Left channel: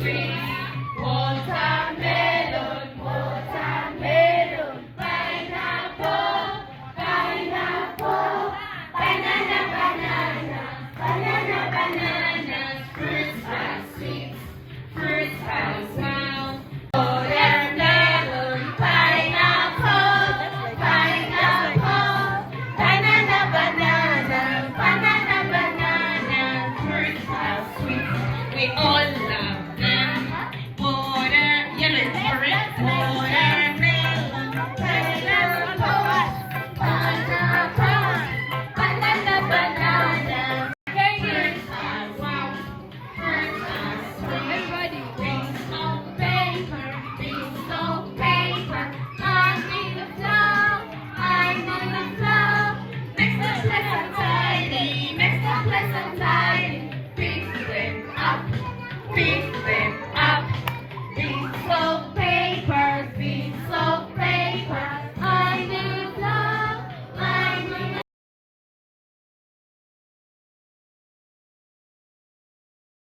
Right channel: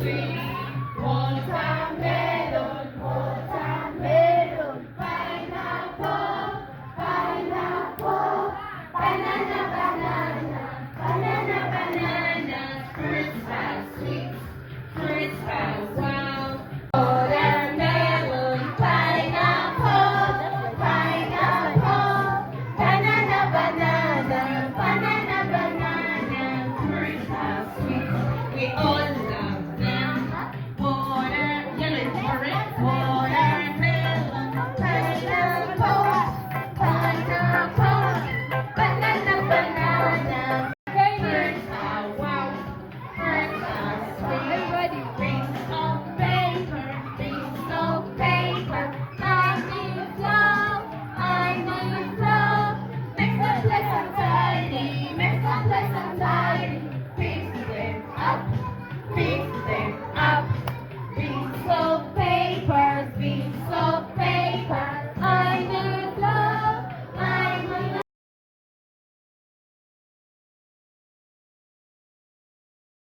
sweet. Watermelon, watermelon. Pineapple, pineapple. Banana, banana, banana, banana. Fruits are sweet, fruits are well. Watermelon, pineapple, pineapple. Banana, banana, banana, banana. Fruits are sweet. We all love them. Water, yellow is orange. Watermelon, pineapple, pineapple. Banana, banana. Fruits are sweet. Fruits are sweet. Rings of paper, rings of paper. I need a flow, I need a flow. Makes the pleasant tidy, makes the pleasant tidy. Pick them up, pick